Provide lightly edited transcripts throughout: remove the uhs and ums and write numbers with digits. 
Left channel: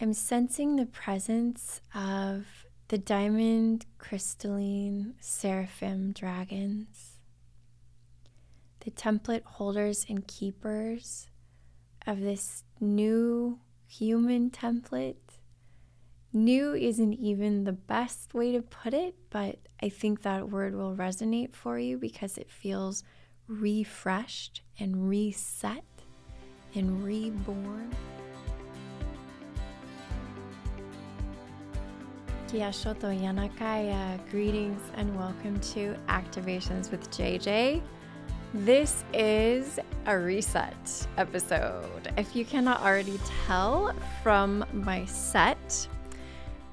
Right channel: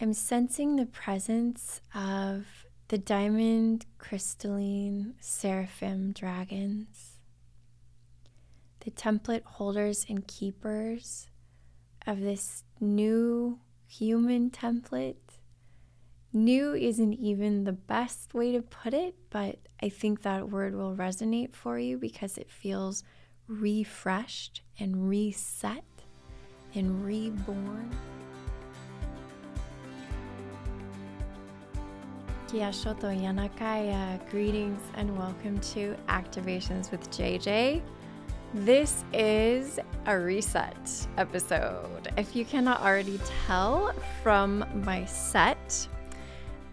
I'm sensing the presence of the diamond crystalline seraphim dragons, the template holders and keepers of this new human template. New isn't even the best way to put it, but I think that word will resonate for you because it feels refreshed and reset and reborn. Kia shoto yanakaya. Greetings and welcome to Activations with JJ. This is a reset episode. If you cannot already tell from my set,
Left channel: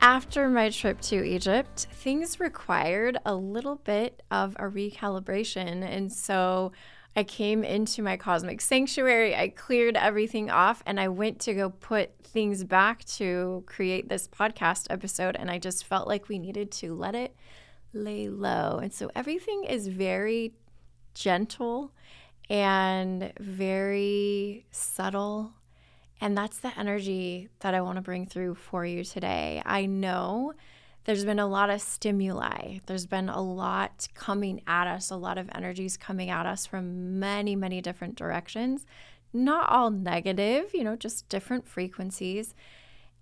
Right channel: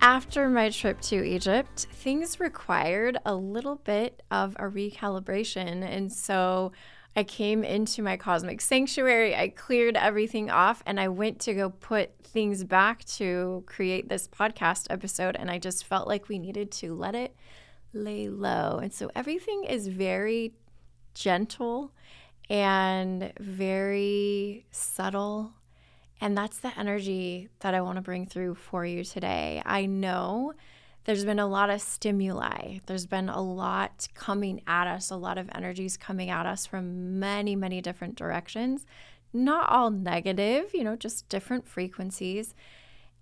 after my trip to Egypt, things required a little bit of a recalibration. And so I came into my cosmic sanctuary, I cleared everything off, and I went to go put things back to create this podcast episode. And I just felt like we needed to let it lay low. And so everything is very gentle and very subtle. And that's the energy that I want to bring through for you today. I know there's been a lot of stimuli. There's been a lot coming at us, a lot of energies coming at us from many, many different directions. Not all negative, just different frequencies.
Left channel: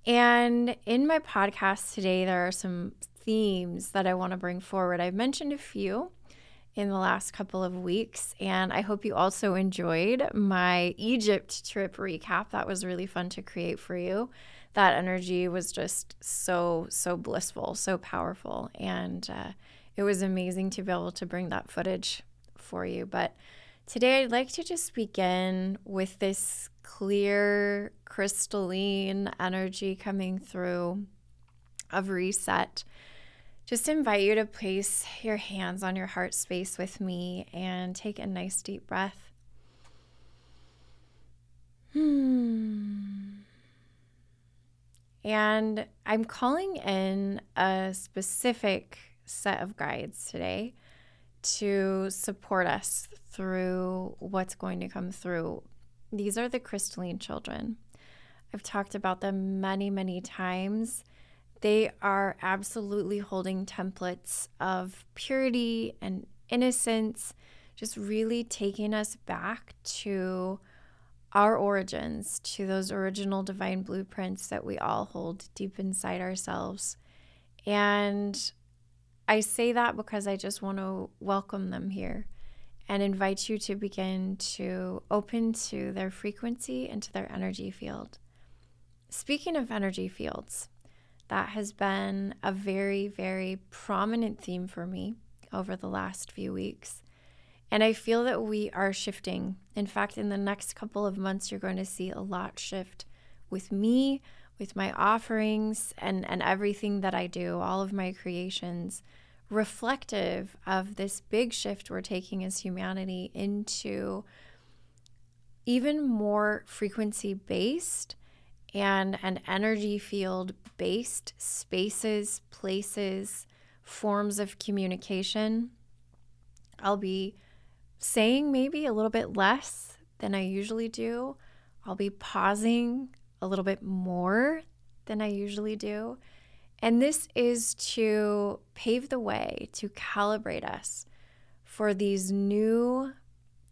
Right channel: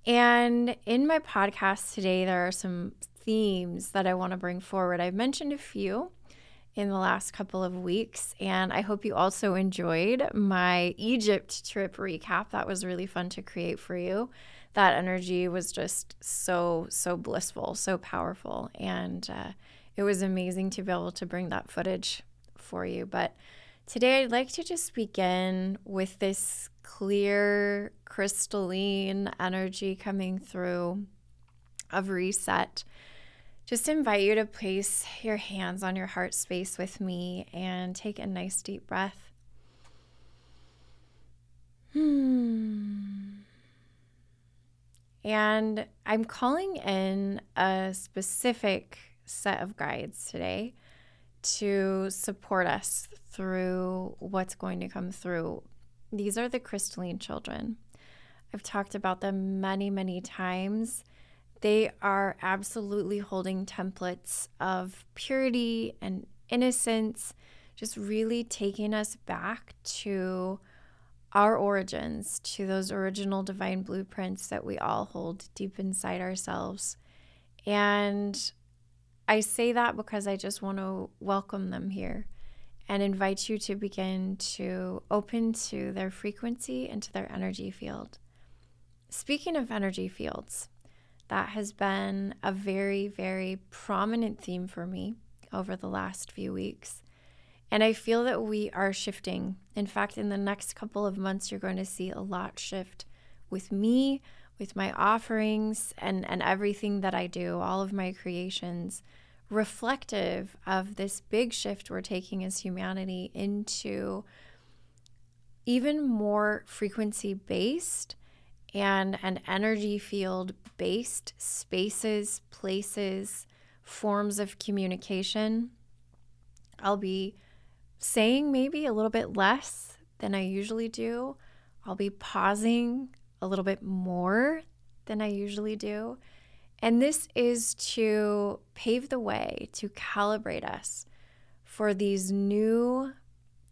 And in my podcast today, there are some themes that I want to bring forward. I've mentioned a few in the last couple of weeks, and I hope you also enjoyed my Egypt trip recap. That was really fun to create for you. That energy was just so blissful, so powerful, and it was amazing to be able to bring that footage for you. But today I'd like to just begin with this clear, crystalline energy coming through of reset. Just invite you to place your hands on your heart space with me and take a nice deep breath. And I'm calling in a specific set of guides today to support us through what's going to come through. These are the crystalline children. I've talked about them many, many times. They are absolutely holding templates of purity and innocence, just really taking us back to our origins, to those original divine blueprints that we all hold deep inside ourselves. And I say that because I just want to welcome them here and invite you to begin to open to their frequency and to their energy field. Speaking of energy fields, that has been a very, very prominent theme for me over the last few weeks. And I feel that we are shifting. In fact, in the next couple of months, you're going to see a lot shift with me, with my offerings, and everything that I do, all of my creations, reflective of this big shift we're taking as humanity into even more frequency-based and an energy field-based spaces, places, forms of communication. I'll be saying maybe a little bit less than I usually do. I'll be pausing a little bit more than I usually do. And this is to pave the way, to calibrate us for these new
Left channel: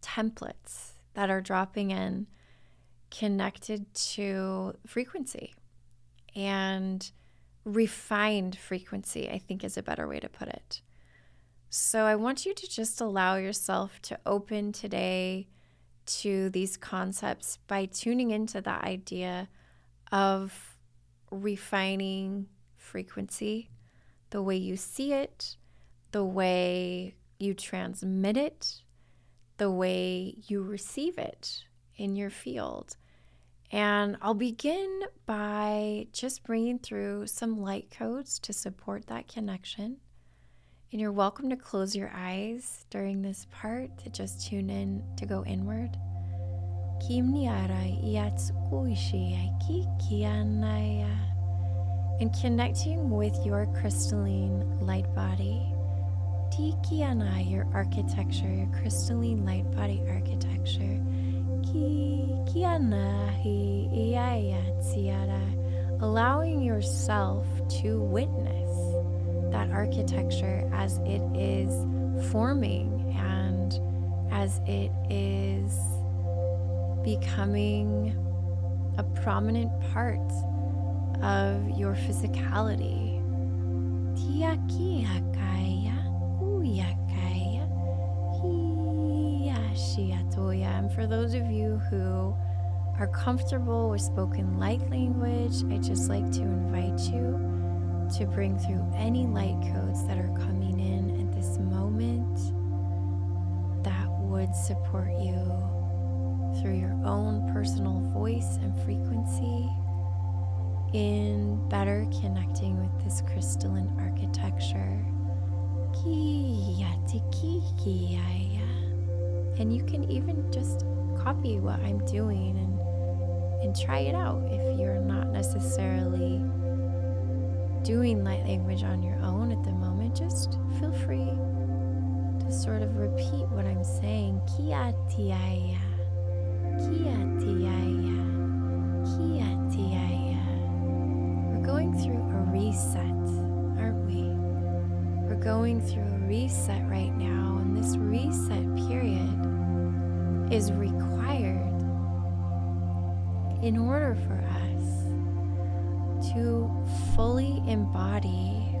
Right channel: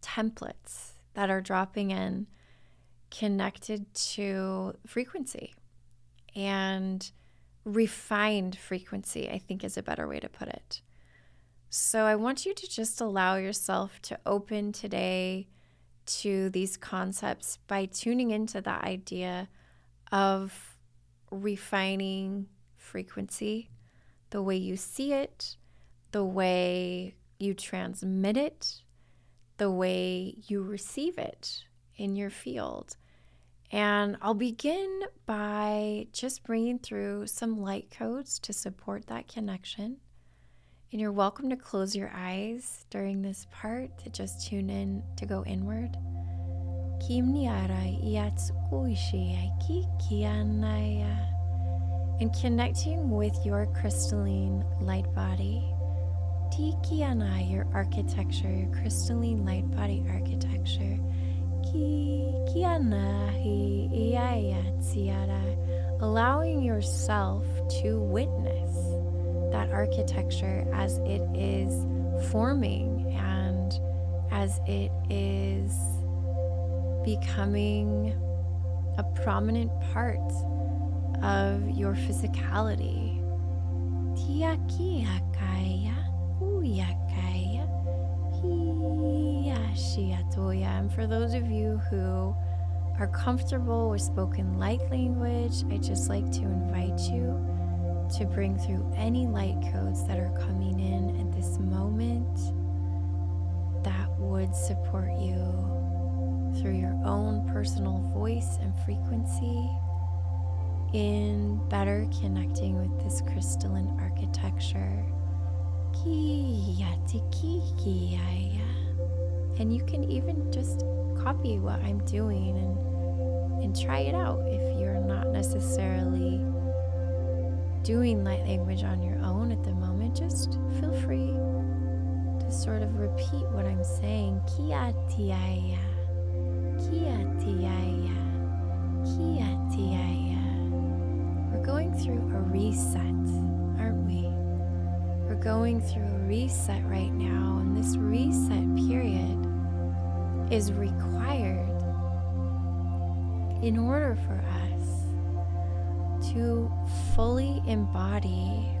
templates that are dropping in, connected to frequency and refined frequency, I think is a better way to put it. So I want you to just allow yourself to open today to these concepts by tuning into the idea of refining frequency, the way you see it, the way you transmit it, the way you receive it in your field. And I'll begin by just bringing through some light codes to support that connection. And you're welcome to close your eyes during this part to just tune in, to go inward. And connecting with your crystalline light body. Tikiana, your architecture, your crystalline light body architecture. Kiana hi iaya tsiara allowing yourself to witness that architecture as it is forming and as it is becoming a prominent part of your physicality. Tia kia kaya, kuya kaya, hiya shia toya. And for those of you who are comfortable with spoken light language, I'd just like to invite you to bring through any light codes that are coming in at this moment that would support you through your own personal voice and frequency in better connecting with this crystalline architecture. And you can even just copy what I'm doing and try it out if you're not necessarily doing light language on your own at the moment. Just feel free to sort of repeat what I'm saying. Kia tiaya, kia tiaya, kia tiaya. We're going through a reset, aren't we? We're going through a reset right now, and this reset period is required in order for us to fully embody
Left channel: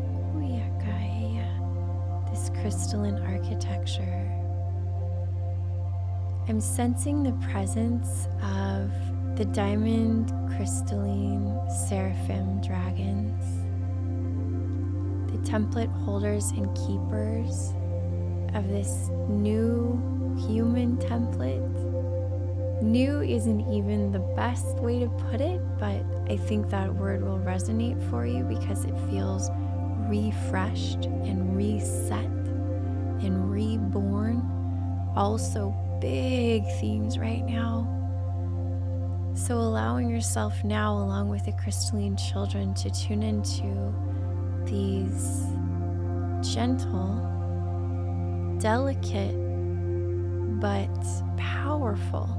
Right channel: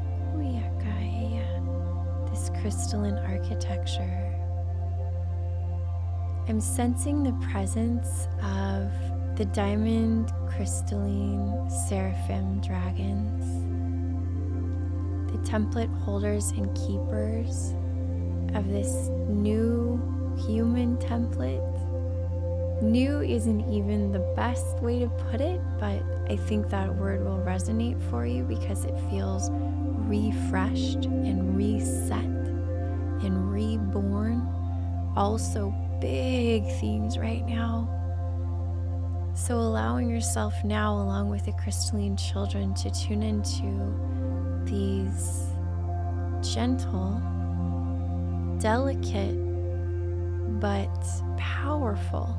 this crystalline architecture. I'm sensing the presence of the diamond crystalline seraphim dragons, the template holders and keepers of this new human template. New isn't even the best way to put it, but I think that word will resonate for you because it feels refreshed and reset and reborn. Also big themes right now. So allowing yourself now, along with the crystalline children, to tune into these gentle, delicate, but powerful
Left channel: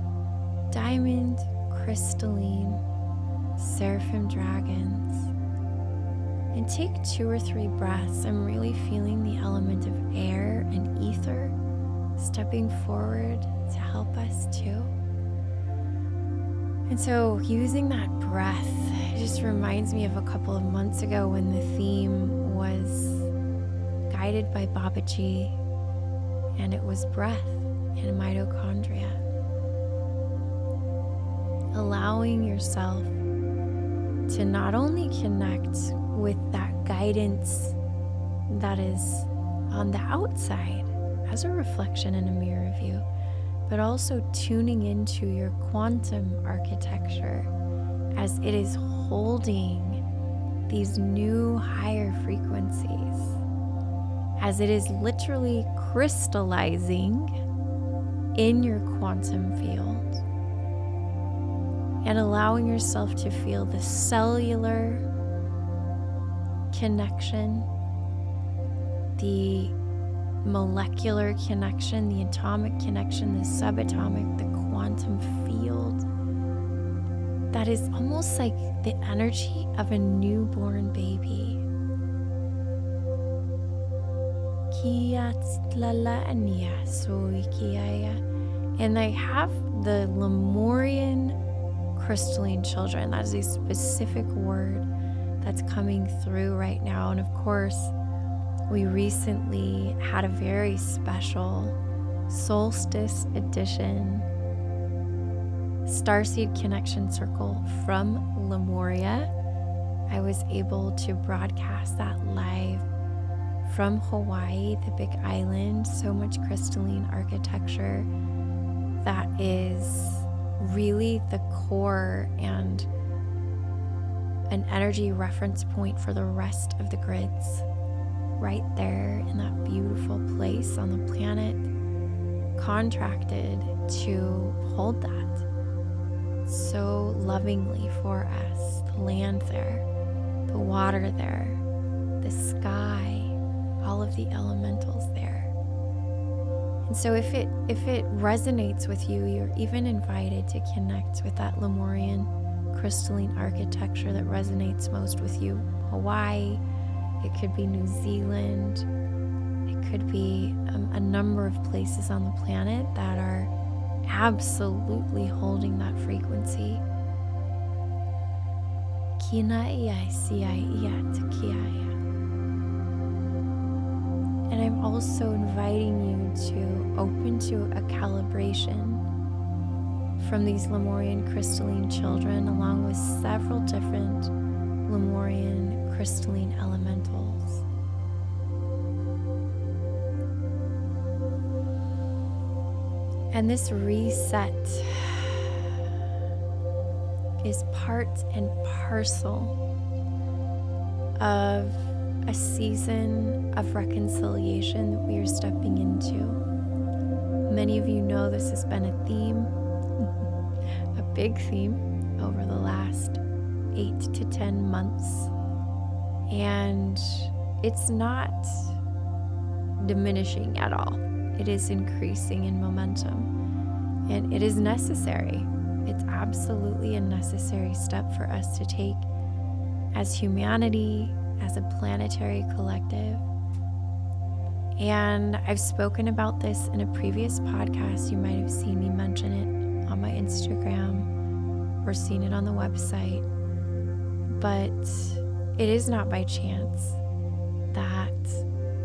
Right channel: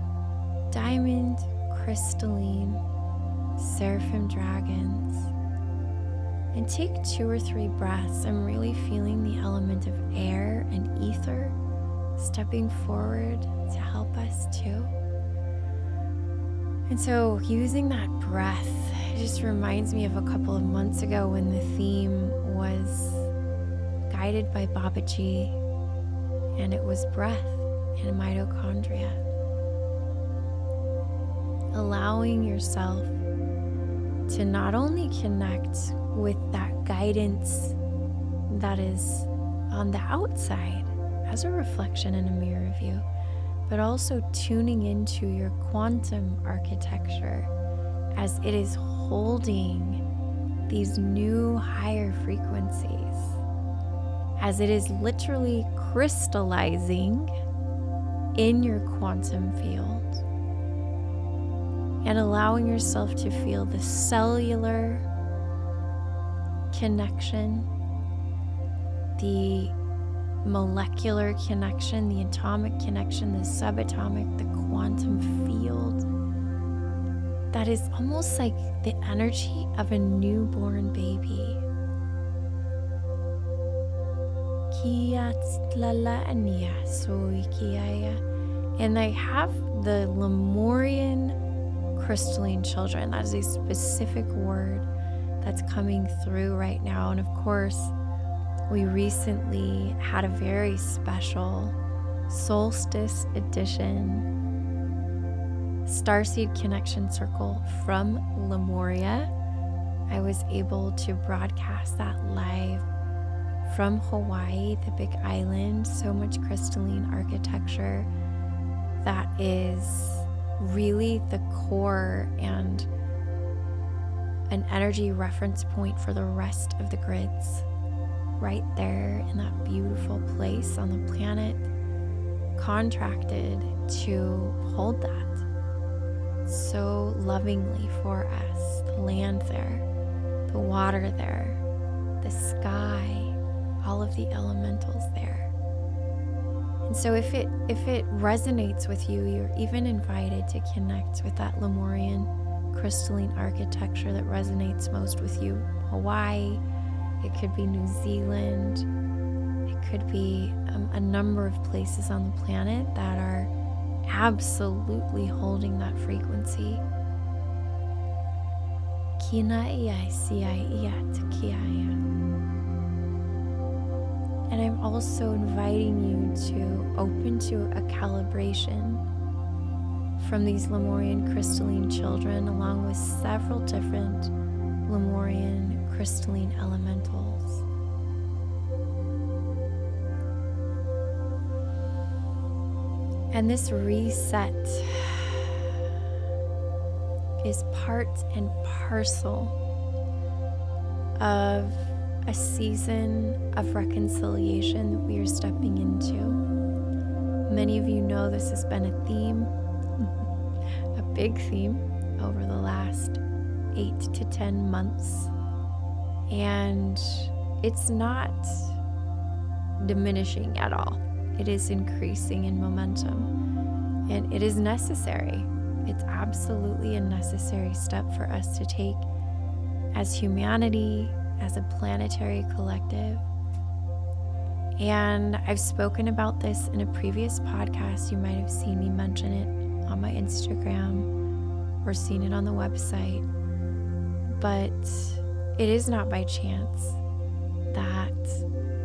diamond crystalline seraphim dragons. And take 2 or 3 breaths. I'm really feeling the element of air and ether stepping forward to help us too. And so using that breath, it just reminds me of a couple of months ago when the theme was guided by Babaji, and it was breath and mitochondria. Allowing yourself to not only connect with that guidance that is on the outside as a reflection in a mirror of you, but also tuning into your quantum architecture as it is holding these new higher frequencies, as it is literally crystallizing in your quantum field, and allowing yourself to feel the cellular connection, the molecular connection, the atomic connection, the subatomic, the quantum field that is almost like the energy of a newborn baby. And I have the Lemurian crystalline children. That is a specific word that's coming through right now. And of course, we recently had a very special solstice edition starseed connection circle from Lemuria. I was able to broadcast that live from Hawaii, the big island. So much crystalline architecture that is really the core and an energy reference point for the rest of the grids, right there in that beautiful place on the planet, contracted to hold that so lovingly for us. The land there, the water there, the sky, all of the elementals there. And so if it resonates with you, you're even invited to connect with that Lemurian crystalline architecture that resonates most with you. Hawaii, it could be New Zealand, it could be a number of places on the planet that are absolutely holding that frequency. Kina ia sia ia tekiaia. And I'm also inviting you to open to a calibration from these Lemurian crystalline children, along with several different Lemurian crystalline elementals. And this reset is part and parcel of a season of reconciliation that we are stepping into. Many of you know this has been a theme, a big theme over the last 8 to 10 months. And it's not diminishing at all. It is increasing in momentum, and it is necessary. It's absolutely a necessary step for us to take as humanity, as a planetary collective. And I've spoken about this in a previous podcast. You might have seen me mention it on my Instagram or seen it on the website. But it is not by chance that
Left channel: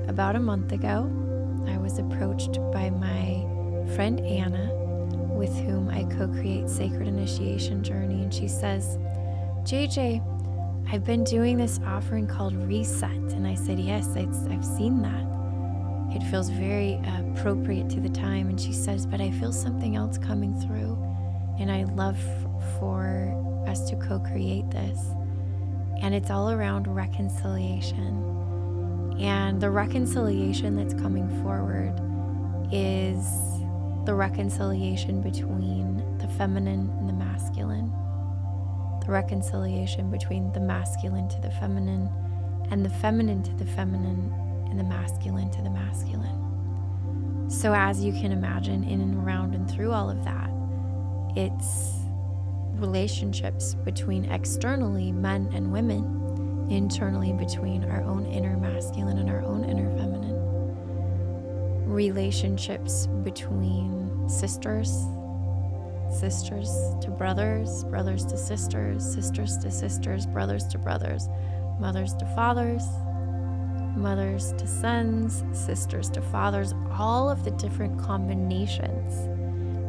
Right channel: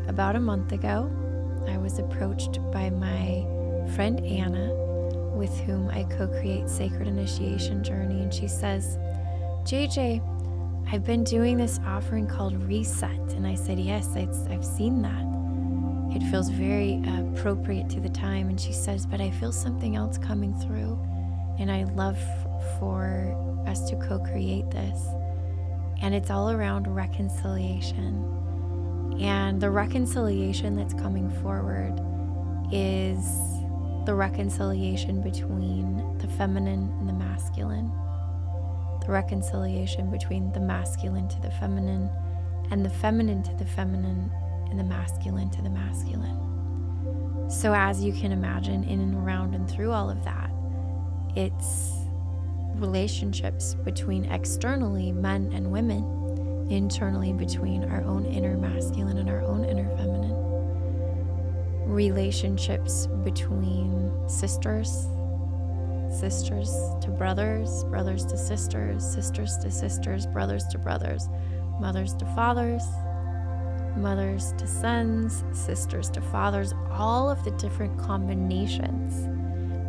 about a month ago, I was approached by my friend Anna, with whom I co-create Sacred Initiation Journey, and she says, JJ, I've been doing this offering called Reset. And I said, yes, I've seen that. It feels very appropriate to the time. And she says, but I feel something else coming through, and I love for us to co-create this. And it's all around reconciliation. And the reconciliation that's coming forward is the reconciliation between the feminine and the masculine. The reconciliation between the masculine to the feminine, and the feminine to the feminine, and the masculine to the masculine. So as you can imagine, in and around and through all of that, it's relationships between externally men and women, internally between our own inner masculine and our own inner feminine. Relationships between sisters, sisters to brothers, brothers to sisters, sisters to sisters, brothers to brothers, mothers to fathers, mothers to sons, sisters to fathers, all of the different combinations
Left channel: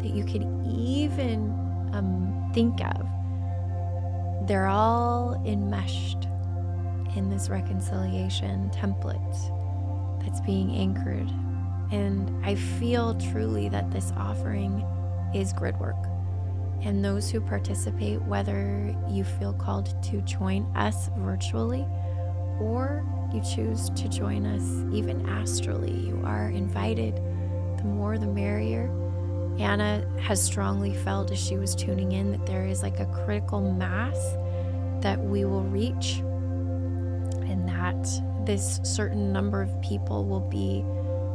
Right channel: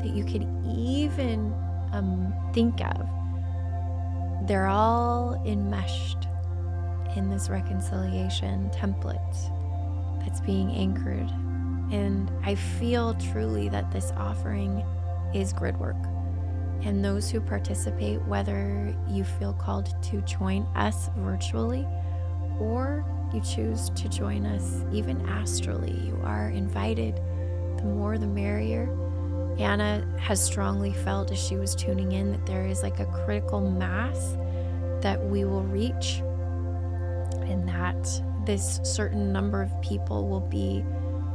that you could even think of. They're all enmeshed in this reconciliation template that's being anchored. And I feel truly that this offering is gridwork. And those who participate, whether you feel called to join us virtually or you choose to join us even astrally, you are invited. The more the merrier. Anna has strongly felt as she was tuning in that there is like a critical mass that we will reach, and that this certain number of people will be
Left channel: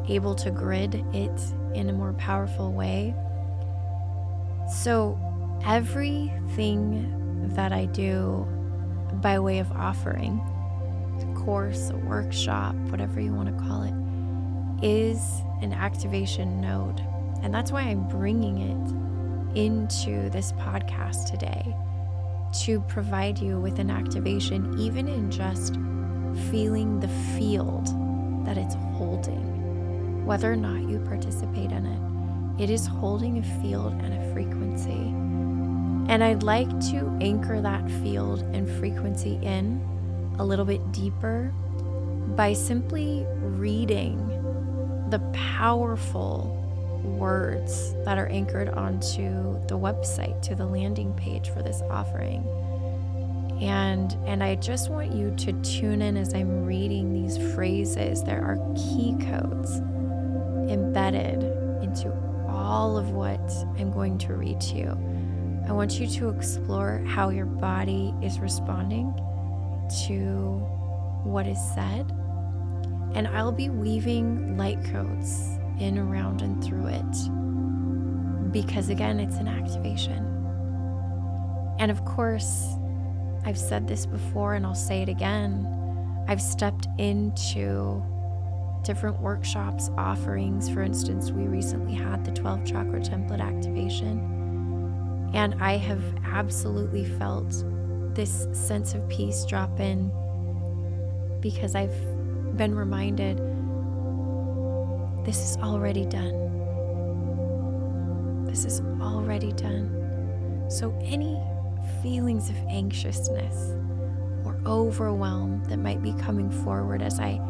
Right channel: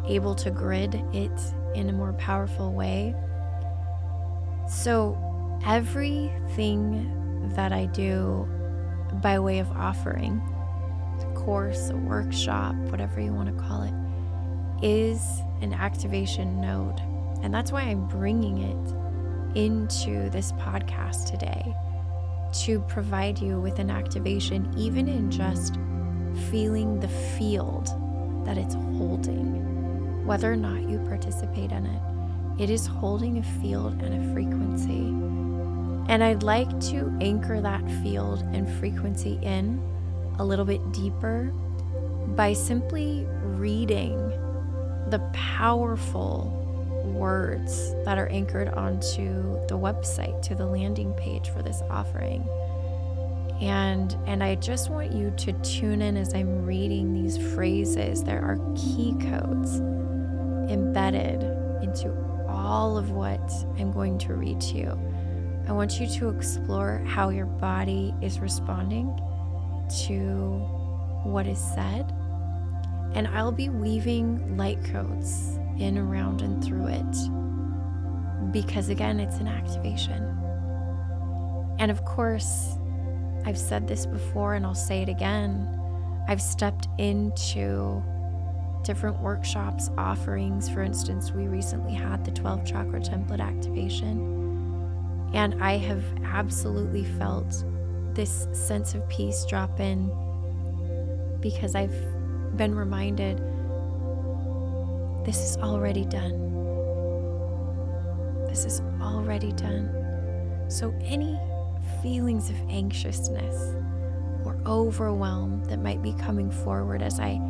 able to grid it in a more powerful way. So everything that I do by way of offering, a course, a workshop, whatever you want to call it, is an activation node. And that's why I'm bringing it into this podcast today, to provide you with an activation, even in just feeling the field that it's holding, whether or not you participate in it. It is holding a field and a frequency. And I'd like to anchor that field and frequency in a little bit deeper by simply reading the powerful words that are anchored onto the website, to the landing page for this offering. And I just want you to tune in as I'm reading these phrases. There are key codes embedded into all of what I'm going to read to you. I want you to explore how your body is responding to what is said. And I'll be weaving light codes in, around, and through it, because again, it's an activation. And of course, I've said this before and I'll say it again. I've stepped into different workshops, offerings. For instance, we recently had the 12 chakra template activation, and I have absolutely felt this sense of peace drop in because I've been reminded this is already done. This is already done. So any feelings of anxiousness or overwhelm that might be coming forward as I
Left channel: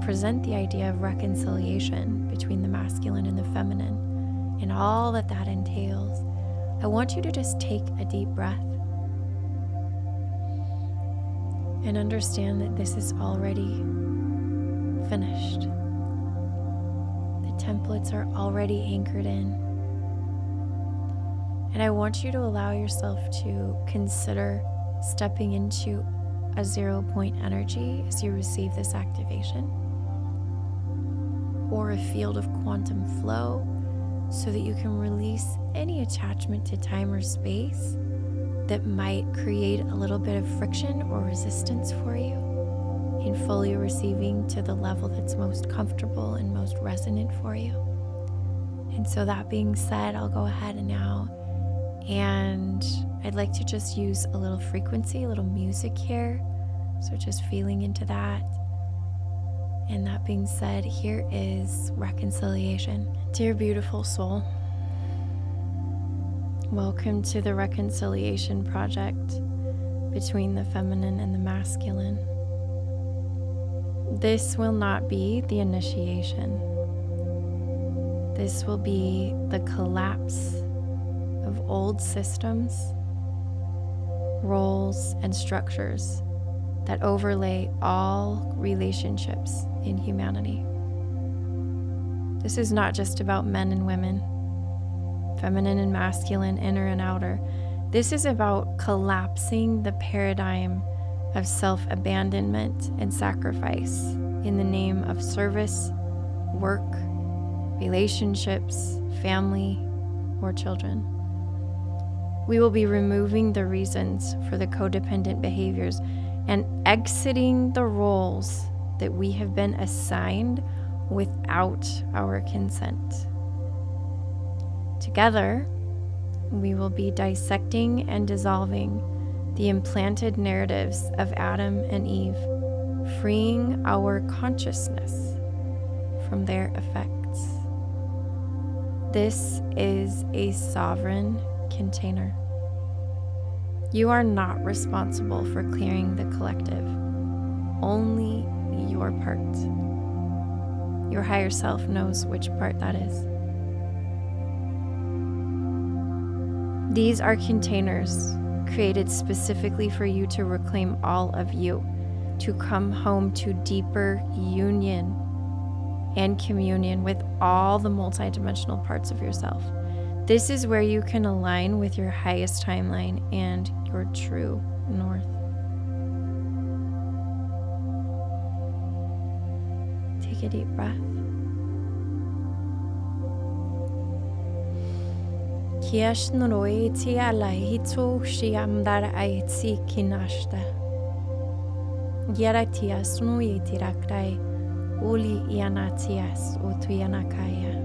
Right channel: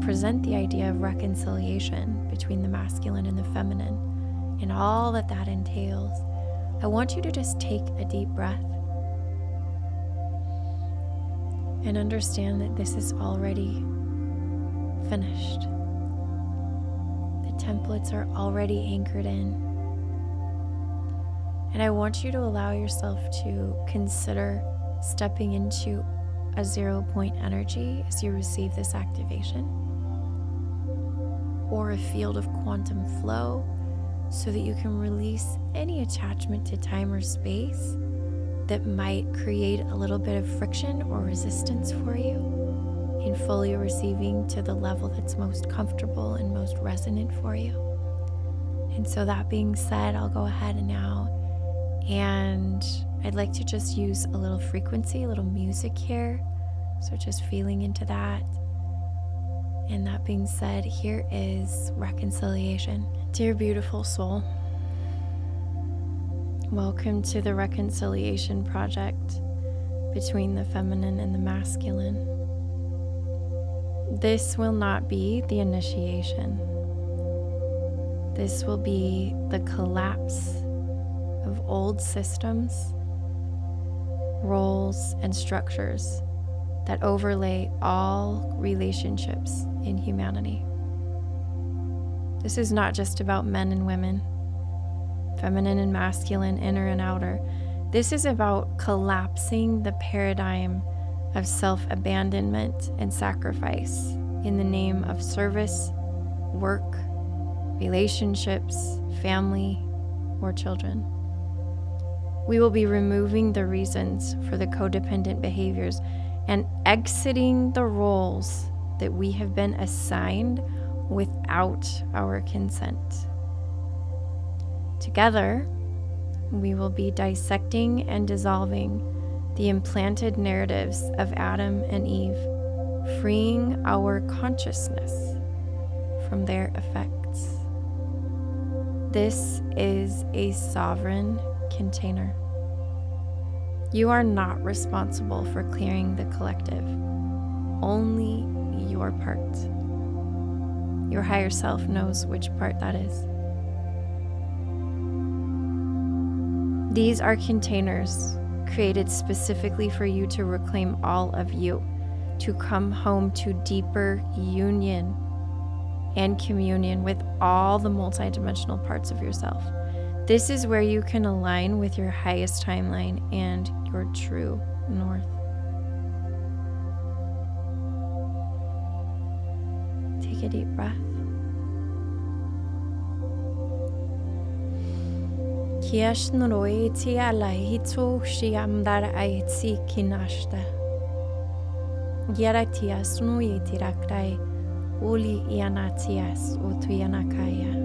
present the idea of reconciliation between the masculine and the feminine and all that entails, I want you to just take a deep breath and understand that this is already finished. The templates are already anchored in. And I want you to allow yourself to consider stepping into a 0 point energy as you receive this activation, or a field of quantum flow, so that you can release any attachment to time or space that might create a little bit of friction or resistance for you in fully receiving to the level that's most comfortable and most resonant for you. And so that being said, I'll go ahead now and I'd like to just use a little frequency, a little music here. So just feeling into that. And that being said, here is reconciliation. Dear beautiful soul, welcome to the reconciliation project between the feminine and the masculine. This will not be the initiation. This will be the collapse of old systems, roles, and structures that overlay all relationships in humanity. This is not just about men and women, feminine and masculine, inner and outer. This is about collapsing the paradigm of self-abandonment and sacrifice in the name of service, work, relationships, family, or children. We will be removing the reasons for the codependent behaviors and exiting the roles that we have been assigned without our consent. Together, we will be dissecting and dissolving the implanted narratives of Adam and Eve, freeing our consciousness from their effects. This is a sovereign container. You are not responsible for clearing the collective, only your part. Your higher self knows which part that is. These are containers created specifically for you to reclaim all of you, to come home to deeper union and communion with all the multidimensional parts of yourself. This is where you can align with your highest timeline and your true north. Take a deep breath. Kiash noroi ti alai hito shiamdar aitsi kinashta. Yaratias nui tirakrai uli ianatias otuyanakaya.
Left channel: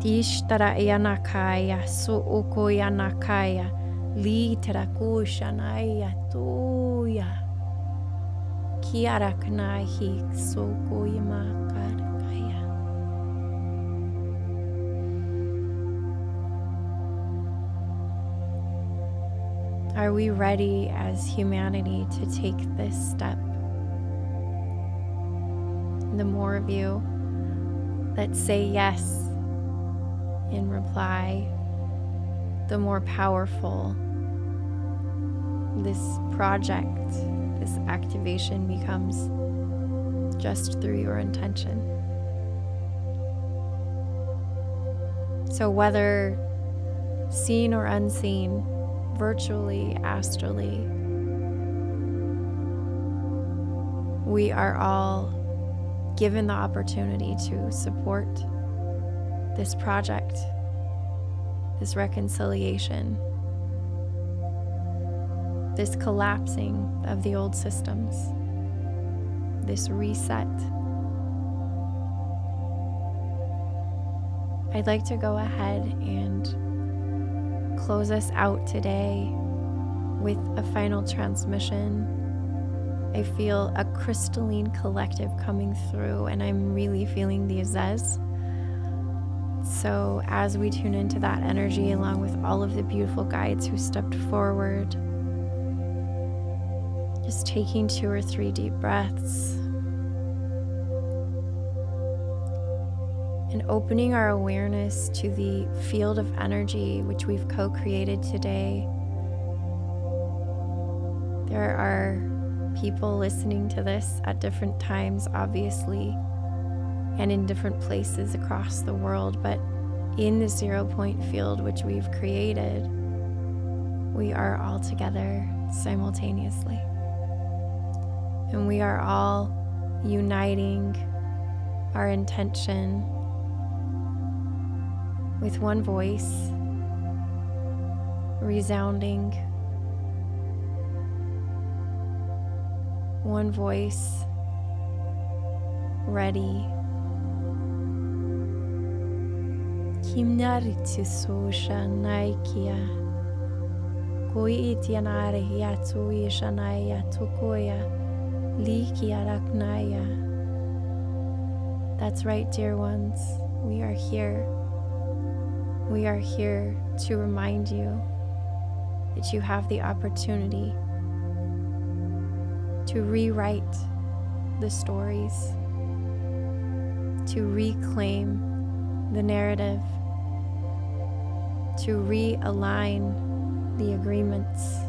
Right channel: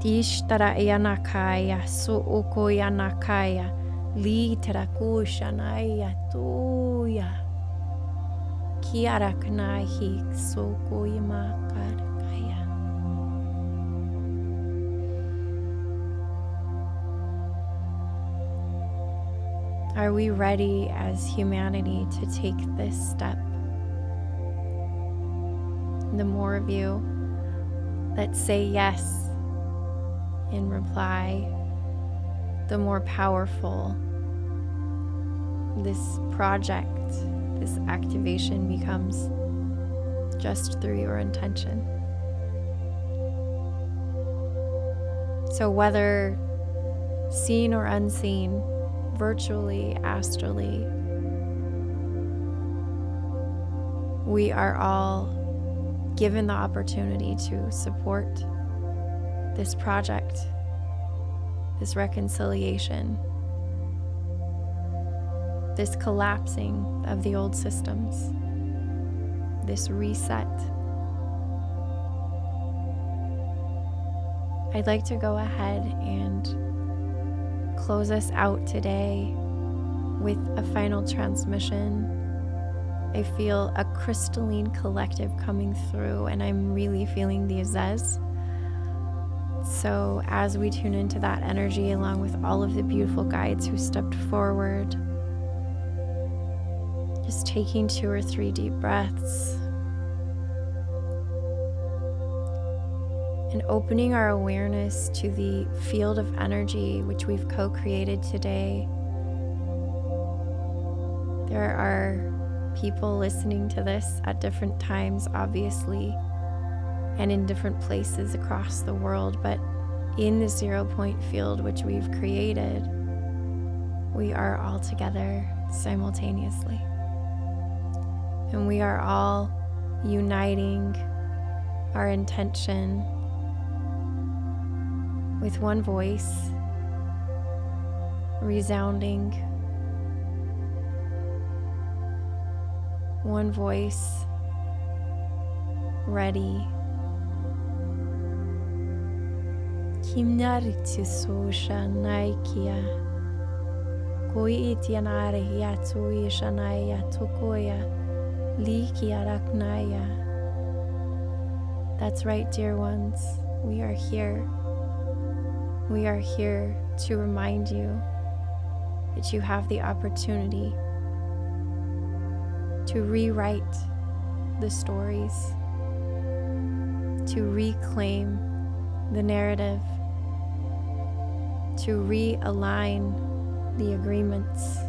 Tishtara yanakaya so oko yanakaya li terakushanaya tuya kiaraknahi so koyamakarkaya. Are we ready as humanity to take this step? The more of you that say yes in reply, the more powerful this project, this activation becomes just through your intention. So whether seen or unseen, virtually, astrally, we are all given the opportunity to support this project this reconciliation, this collapsing of the old systems, this reset. I'd like to go ahead and close us out today with a final transmission. I feel a crystalline collective coming through, and I'm really feeling the Azez. So as we tune into that energy, along with all of the beautiful guides who stepped forward, just taking 2 or 3 deep breaths and opening our awareness to the field of energy which we've co-created today. There are people listening to this at different times, obviously, and in different places across the world, but in the 0 point field which we've created, we are all together simultaneously. And we are all uniting our intention with one voice, resounding, one voice, ready. Kimnariti susha naikia, koitianare yatui shanaya tokoya, likia raknaya. That's right, dear ones. We are here. We are here to remind you that you have the opportunity to rewrite the stories, to reclaim the narrative, to realign the agreements,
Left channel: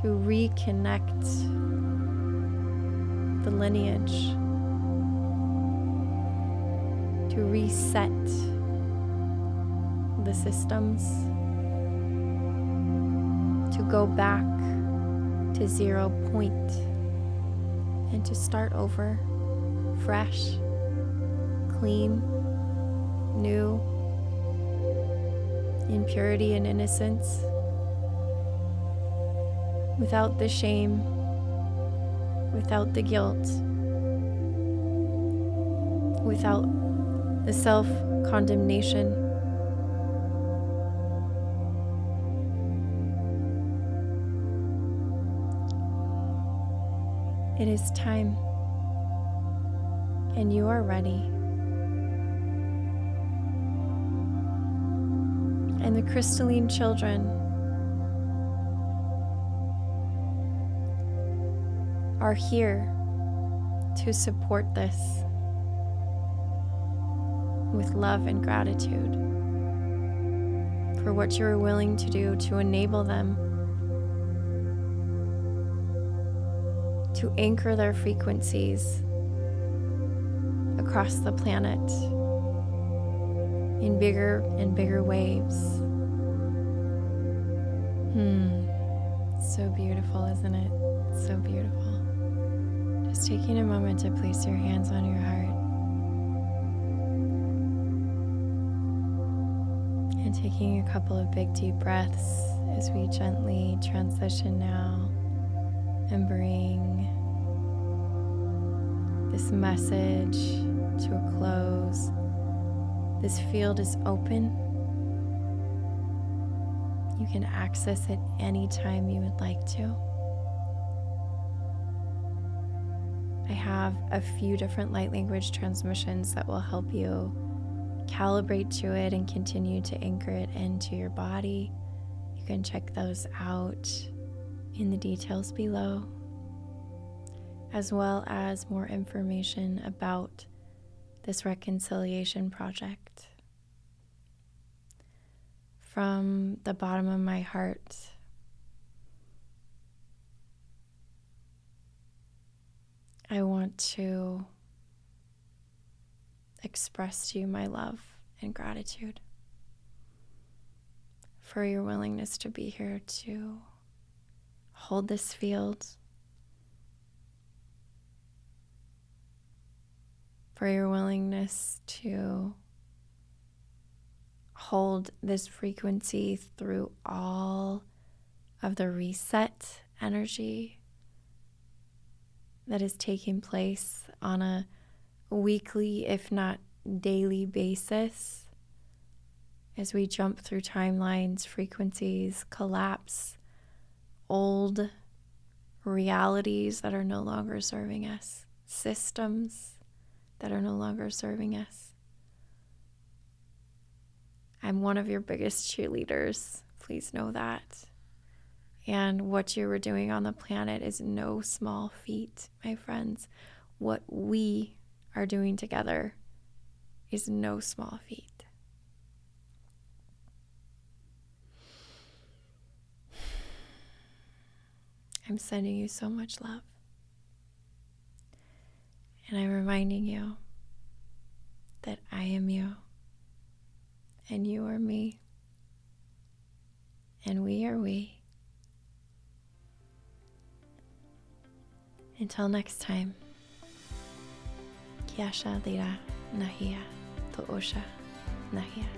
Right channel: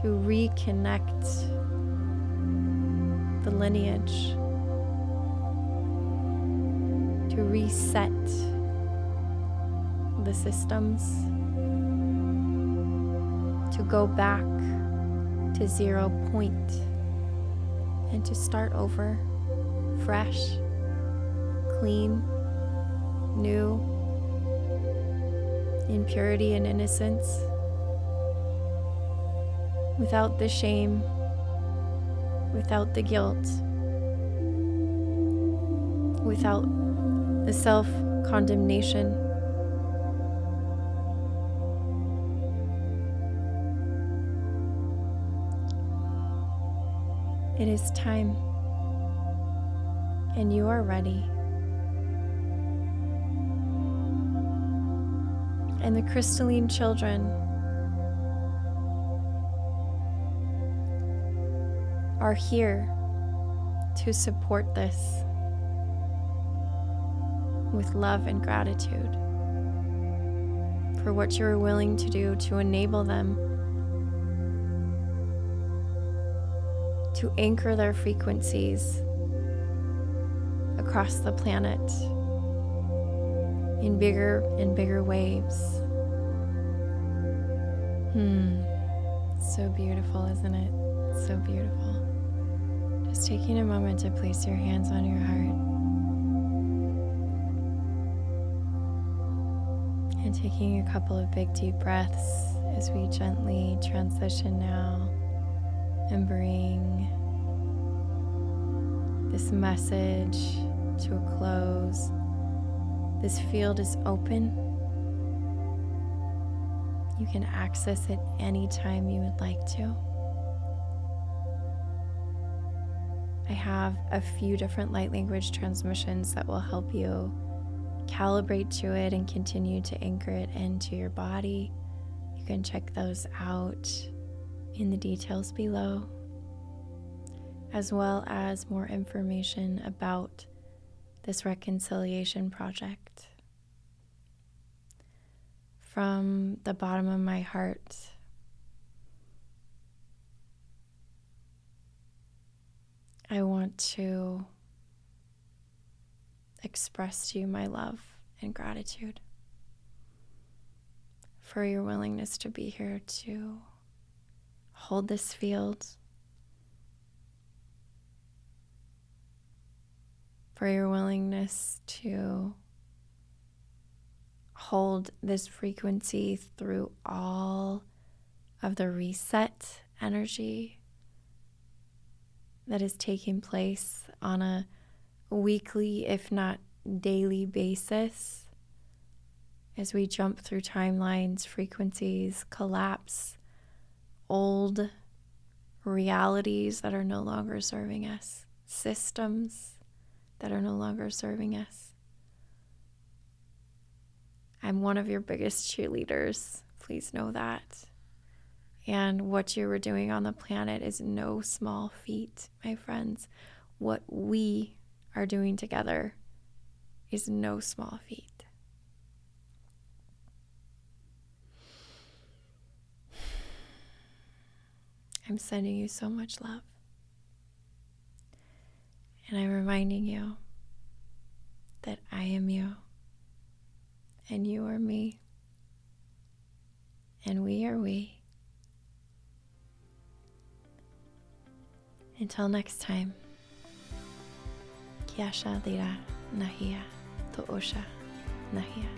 to reconnect the lineage, to reset the systems, to go back to 0 point and to start over, fresh, clean, new, in purity and innocence, without the shame, without the guilt, without the self-condemnation. It is time, and you are ready. And the crystalline children are here to support this with love and gratitude for what you are willing to do to enable them to anchor their frequencies across the planet in bigger and bigger waves. So beautiful, isn't it? So beautiful. Just taking a moment to place your hands on your heart and taking a couple of big deep breaths as we gently transition now and bring this message to a close. This field is open. You can access it anytime you would like to. I have a few different light language transmissions that will help you calibrate to it and continue to anchor it into your body. You can check those out in the details below, as well as more information about this reconciliation project. From the bottom of my heart, I want to express to you my love and gratitude for your willingness to be here to hold this field, for your willingness to hold this frequency through all of the reset energy that is taking place on a weekly, if not daily basis, as we jump through timelines, frequencies, collapse old realities that are no longer serving us, systems that are no longer serving us. I'm one of your biggest cheerleaders. Please know that. And what you were doing on the planet is no small feat, my friends. What we are doing together is no small feat. I'm sending you so much love. And I'm reminding you that I am you, and you are me, and we are we. Until next time, Kiasha Dira Nahia Toosha Nahia.